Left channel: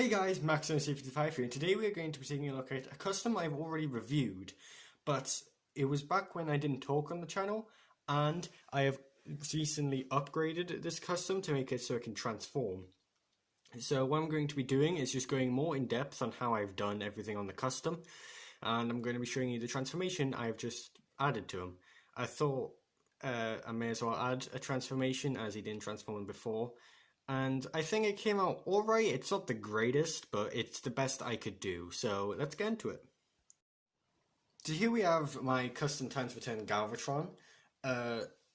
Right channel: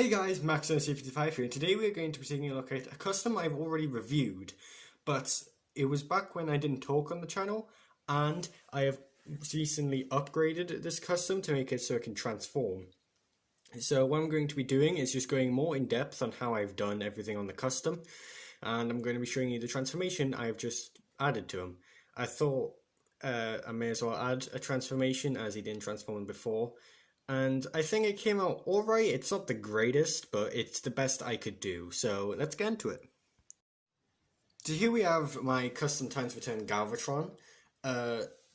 Hey guys, Max55 here, and today we're going to be taking a look at a custom I've already reviewed, but it was back when I didn't talk on the channel, and I have recently upgraded this custom to make it so it can transform. So what I'm going to be doing is just going more in depth on how I've done everything on the custom, and I'm going to be showing you the transformation I've just added to him. I thought I may as well add a transformation as he didn't transform before. And I think it came out alright. It's not the greatest, but it's the best I could do. So let's get into it. So here we have my custom times for 10 Galvatron.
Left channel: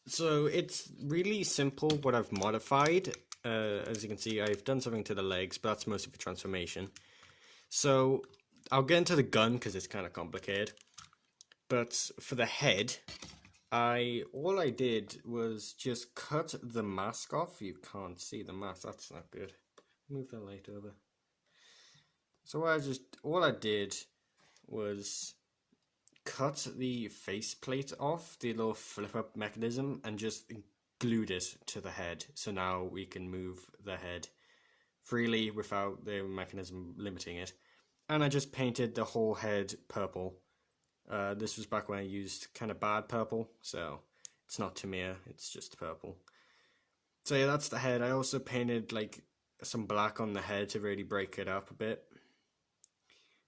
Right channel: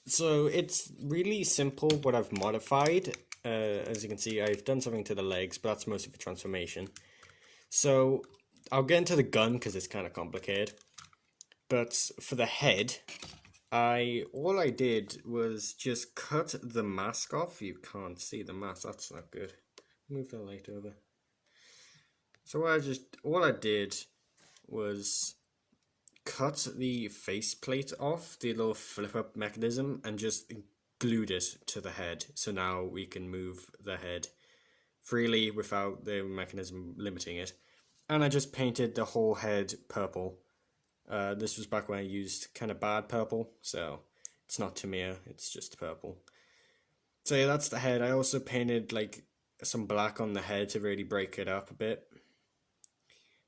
So it's really simple what I've modified. As you can see, I've done something to the legs, but that's mostly for transformation. So I'll get into the gun because it's kind of complicated. But for the head, all I did was just cut the mask off. You can't see the mask, that's not good. Move the light over. So all I did was cut the faceplate off, the little flip up mechanism, and just glued it to the head. So now we can move the head freely without the mechanism limiting it. And I just painted the whole head purple. This was back when I used kind of bad purple, so it's not Tamir, it's just purple. So yeah, that's the head. I also painted like some black on the head to really break it up a bit.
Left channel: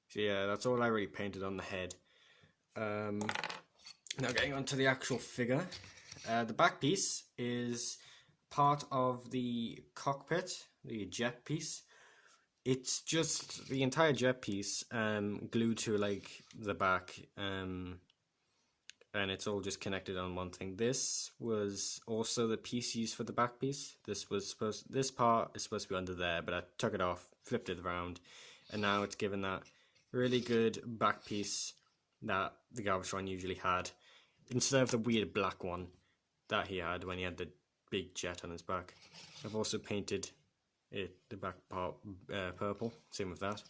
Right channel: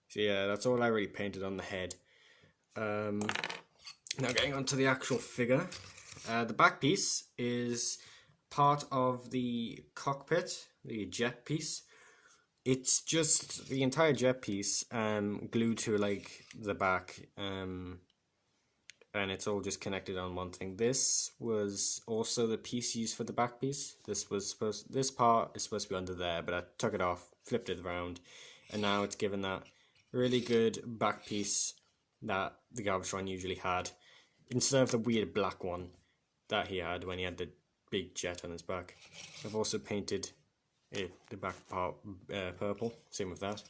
So yeah, that's all I really painted on the head. Now getting on to the actual figure. The back piece is part of the cockpit, the jet piece. It's just the entire jet piece glued to like the back, and it's all just connected on one thing. This was also the piece used for the back piece. This part is supposed to be under there, but I took it off, flipped it around, and now it's given that really good back piece that the Galvatron usually had, instead of the weird black one that he had when he had the big jet on his back. I've also painted the back part purple, same with that.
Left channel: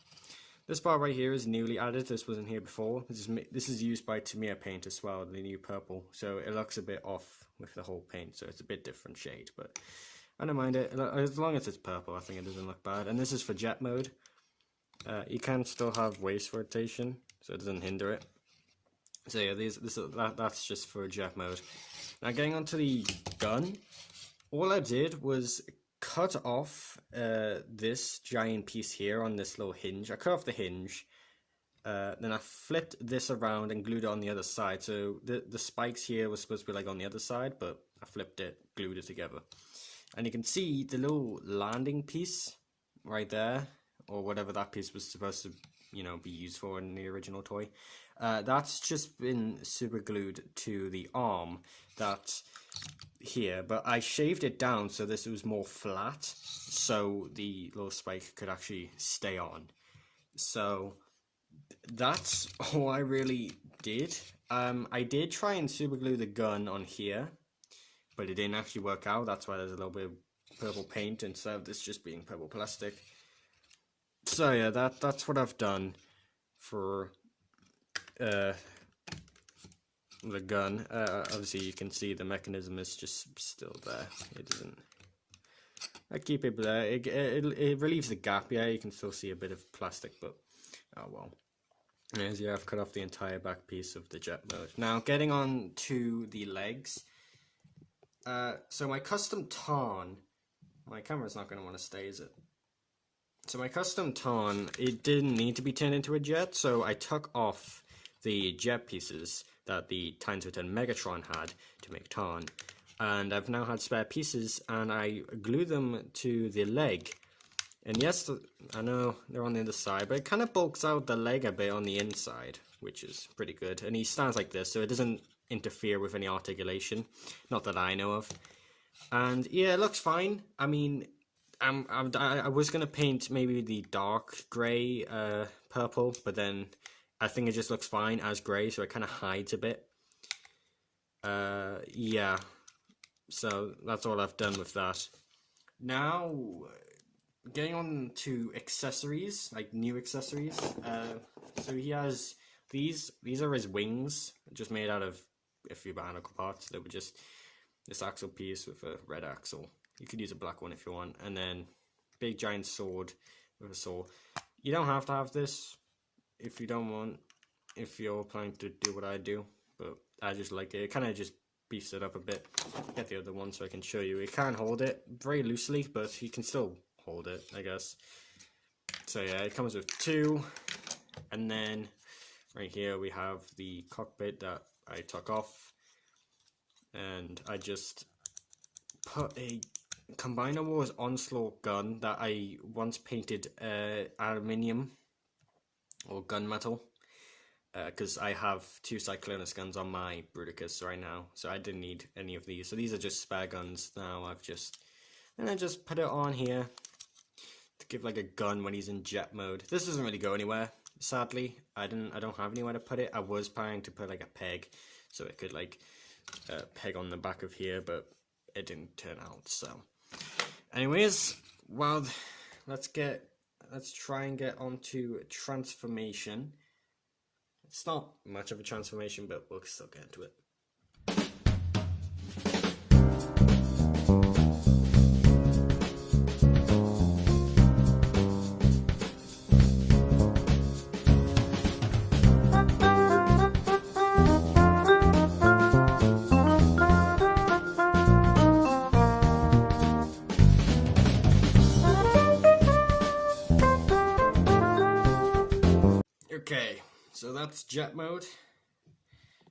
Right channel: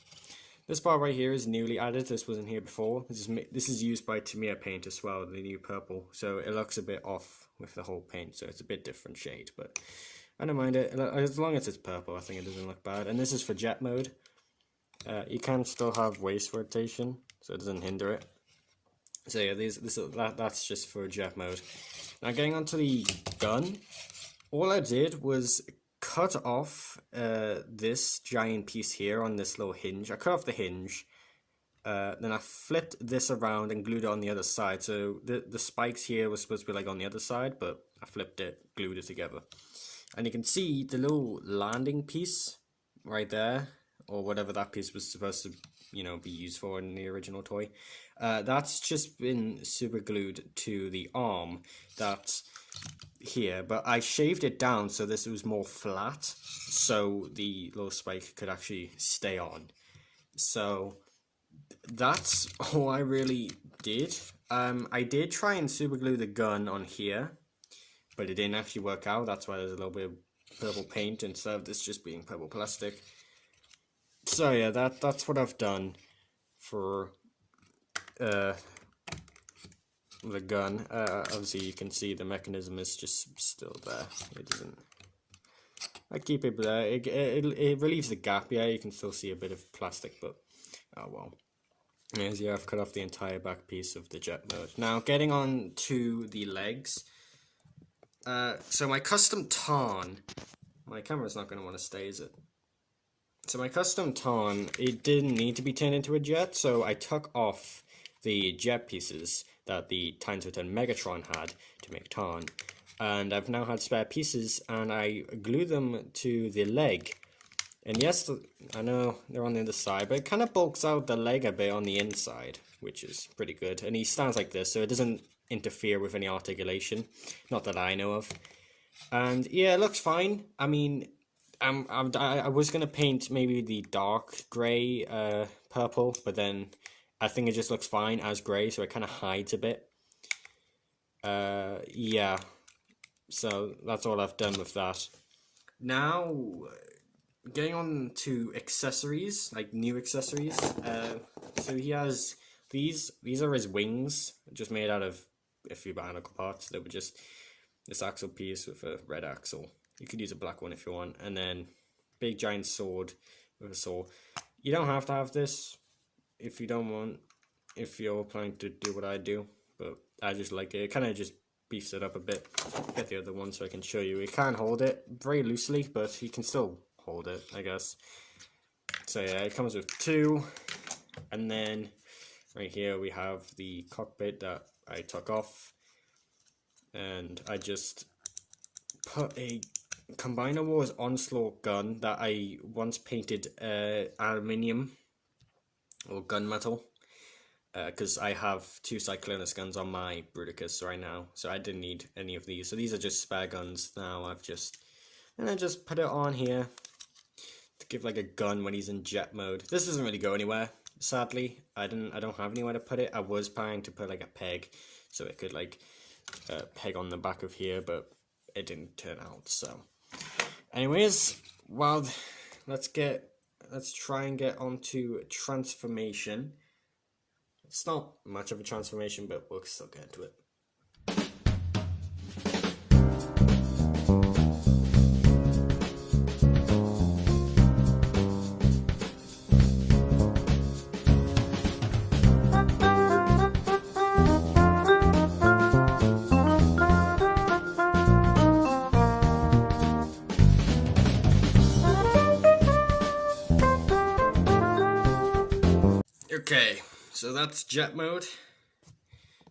This part right here is newly added, this wasn't here before. This is used by Tamir paint as well, the new purple, so it looks a bit off with the whole paint, so it's a bit different shade, but I don't mind it. As long as it's purple, I think it doesn't look bad. And this is for jet mode. You can still have waist rotation, so it doesn't hinder it. So yeah, that's just for jet mode. Now getting onto the gun, all I did was cut off this giant piece here on this little hinge. I cut off the hinge, then I flipped this around and glued it on the other side. So the spikes here were supposed to be like on the other side, but I flipped it, glued it together. And you can see the little landing piece right there, or whatever that piece was supposed to, be used for in the original toy. That's just been super glued to the arm that's here, but I shaved it down so this was more flat, so the little spike could actually stay on. So that's all I really did. I did try and super glue the gun on here, but it didn't actually work out. That's why there's a little bit of purple paint instead of this just being purple plastic. So yeah, that's what I've done for the gun. Obviously you can see the mechanism is just still there. It doesn't. I keep it there. It relieves the gap. Yeah, you can still see a bit of plastic, but oh well. As yeah, I've cut off the entire back piece of the jet mode. Now getting on to the legs. So my custom Tarn. My camera's not going to want to stay, is it? So my custom Tarn, it didn't need to be turned into a jet, so I took off the jet pieces that the Times of 10 Megatron had to make Tarn. And I've now had spare pieces, and I glued them to the leg. And yes, I know they're on the other side, but it kind of bulks out the leg a bit on the inside, which is pretty good. And he stands like this, so it doesn't interfere with any articulation. Not that I know of. And yeah, it looks fine. I mean, I was going to paint maybe the dark grey purple, but then I think it just looks fine as grey, so it kind of hides a bit. Yeah, so that's all I've done with that. Now, getting on to accessories, like new accessories. So he has these are his wings, just made out of a few bionicle parts that were just this axle piece with a red axle. You could use a black one if you want, and then big giant sword with a saw. You don't have to have this if you don't want, if you're planning to do what I do, but I just like it. It kind of just beefs it up a bit. Get the other one so I can show you. You can hold it very loosely, but you can still hold it, I guess. So yeah, it comes with two, and then right here we have the cockpit that I took off, and I just put a Combiner Wars Onslaught gun that I once painted aluminium or gunmetal, because I have two Cyclonus guns on my Bruticus right now, so I didn't need any of these. So these are just spare guns now. I just put it on here to give like a gun when he's in jet mode. This doesn't really go anywhere, sadly. I don't have anywhere to put it. I was planning to put like a peg so it could like peg on the back of here, but it didn't turn out. So anyways, well, let's try and get onto transformation. It's not much of a transformation, but we'll still get into it. Okay, so that's jet mode.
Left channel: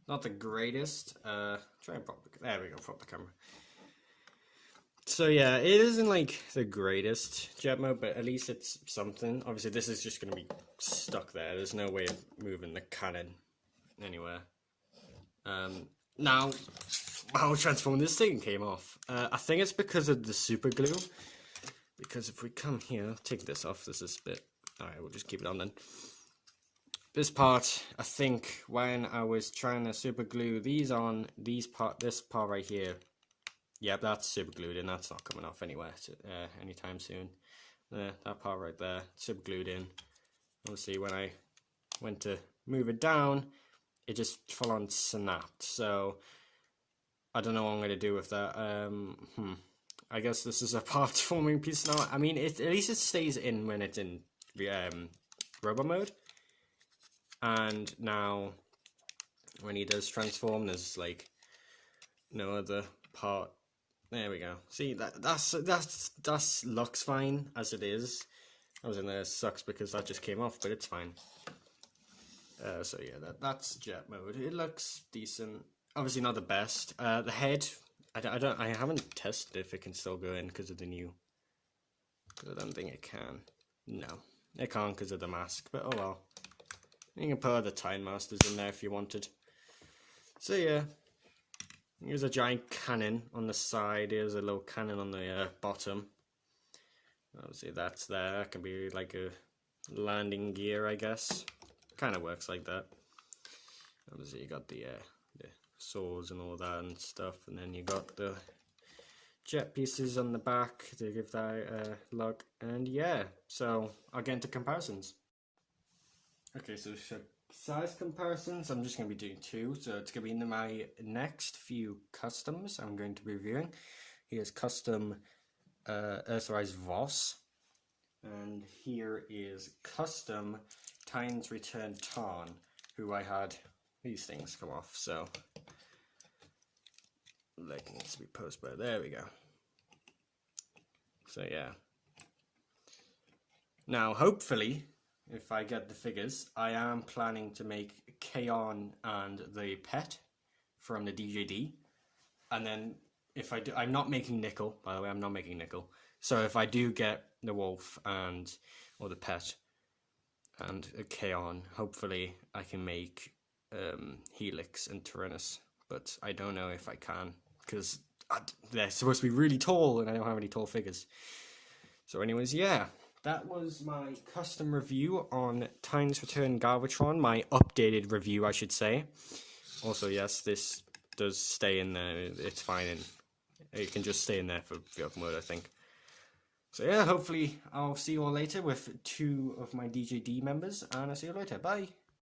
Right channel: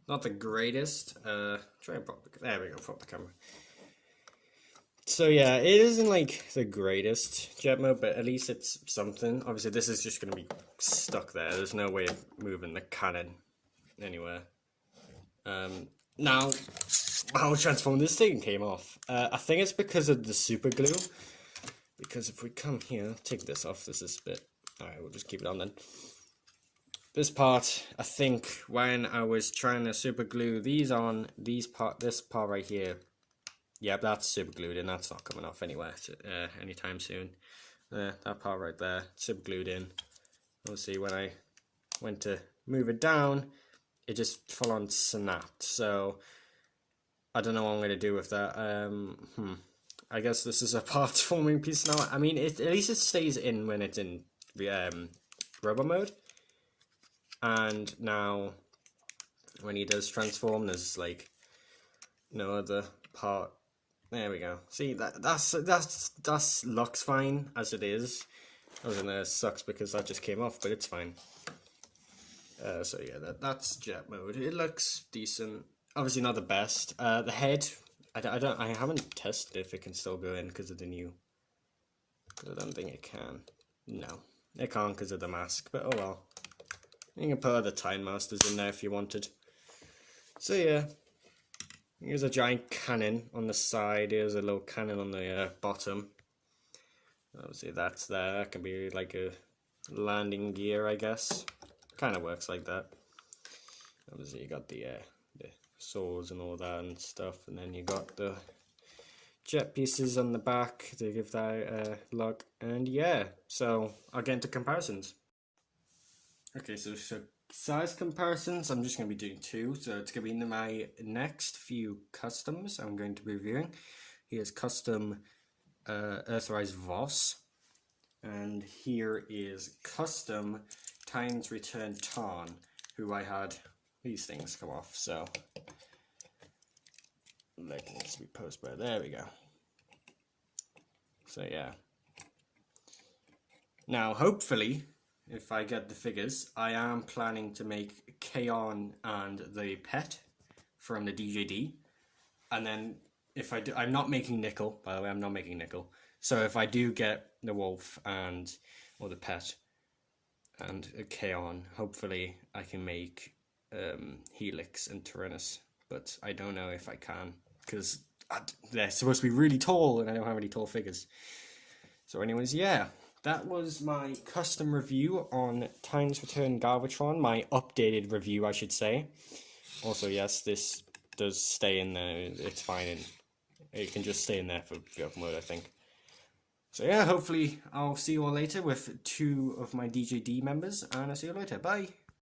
Not the greatest. Try and there we go, prop the camera. So yeah, it isn't like the greatest jet mode, but at least it's something. Obviously this is just going to be stuck there. There's no way of moving the cannon anywhere. Now, how transformed this thing came off. I think it's because of the super glue. Because if we come here, take this off, this is a bit... Alright, we'll just keep it on then. This part, I think, when I was trying to super glue these on, this part right here, yeah, that's super glued in, that's not coming off anywhere anytime soon. That part right there, super glued in. Obviously, when I went to move it down, it just full on snapped. So, I don't know what I'm going to do with that. I guess this is a part forming piece now. I mean, at least it stays in when it's in rubber mode. And now, when he does transform, there's like no other part. There we go. See, that looks fine as it is. Other than that, it sucks because that just came off, but it's fine. So yeah, that's jet mode. It looks decent. Obviously not the best. The head, I haven't tested if it can still go in because of the new. I don't think it can. No, it can't because of the mask. But oh well. You can put other Time Masters in there if you wanted. So yeah, here's a giant cannon on the side. Here's a little cannon on the bottom. Obviously that's there. That can be like a landing gear, I guess. Kind of works like that. Obviously you got the saws and all that and stuff, and then you got the jet pieces on the back to give that look. And yeah, so I'll get into comparisons. Okay, so size comparisons, I'm just going to be doing two. So it's going to be my next few customs I'm going to be reviewing. Here's custom Earthrise Voss. And here is custom Times Return Tarn, who I had these things come off. So let's be post by. There we go. So yeah. Now hopefully, if I get the figures, I am planning to make Kaon and the pet from the DJD. And then if I do, I'm not making Nickel, by the way, I'm not making Nickel. So if I do get the wolf or the pet and a Kaon, hopefully I can make Helix and Tyrannus. But I don't know if I can, because they're supposed to be really tall and I don't have any tall figures. So anyways, yeah. That was my custom review on Times Return Galvatron, my updated review, I should say. Also, yes, this does stay in there, it's fine, and it can just stay in there for the open mode, I think. So yeah, hopefully I'll see you all later with two of my DJD members, and I'll see you later, bye!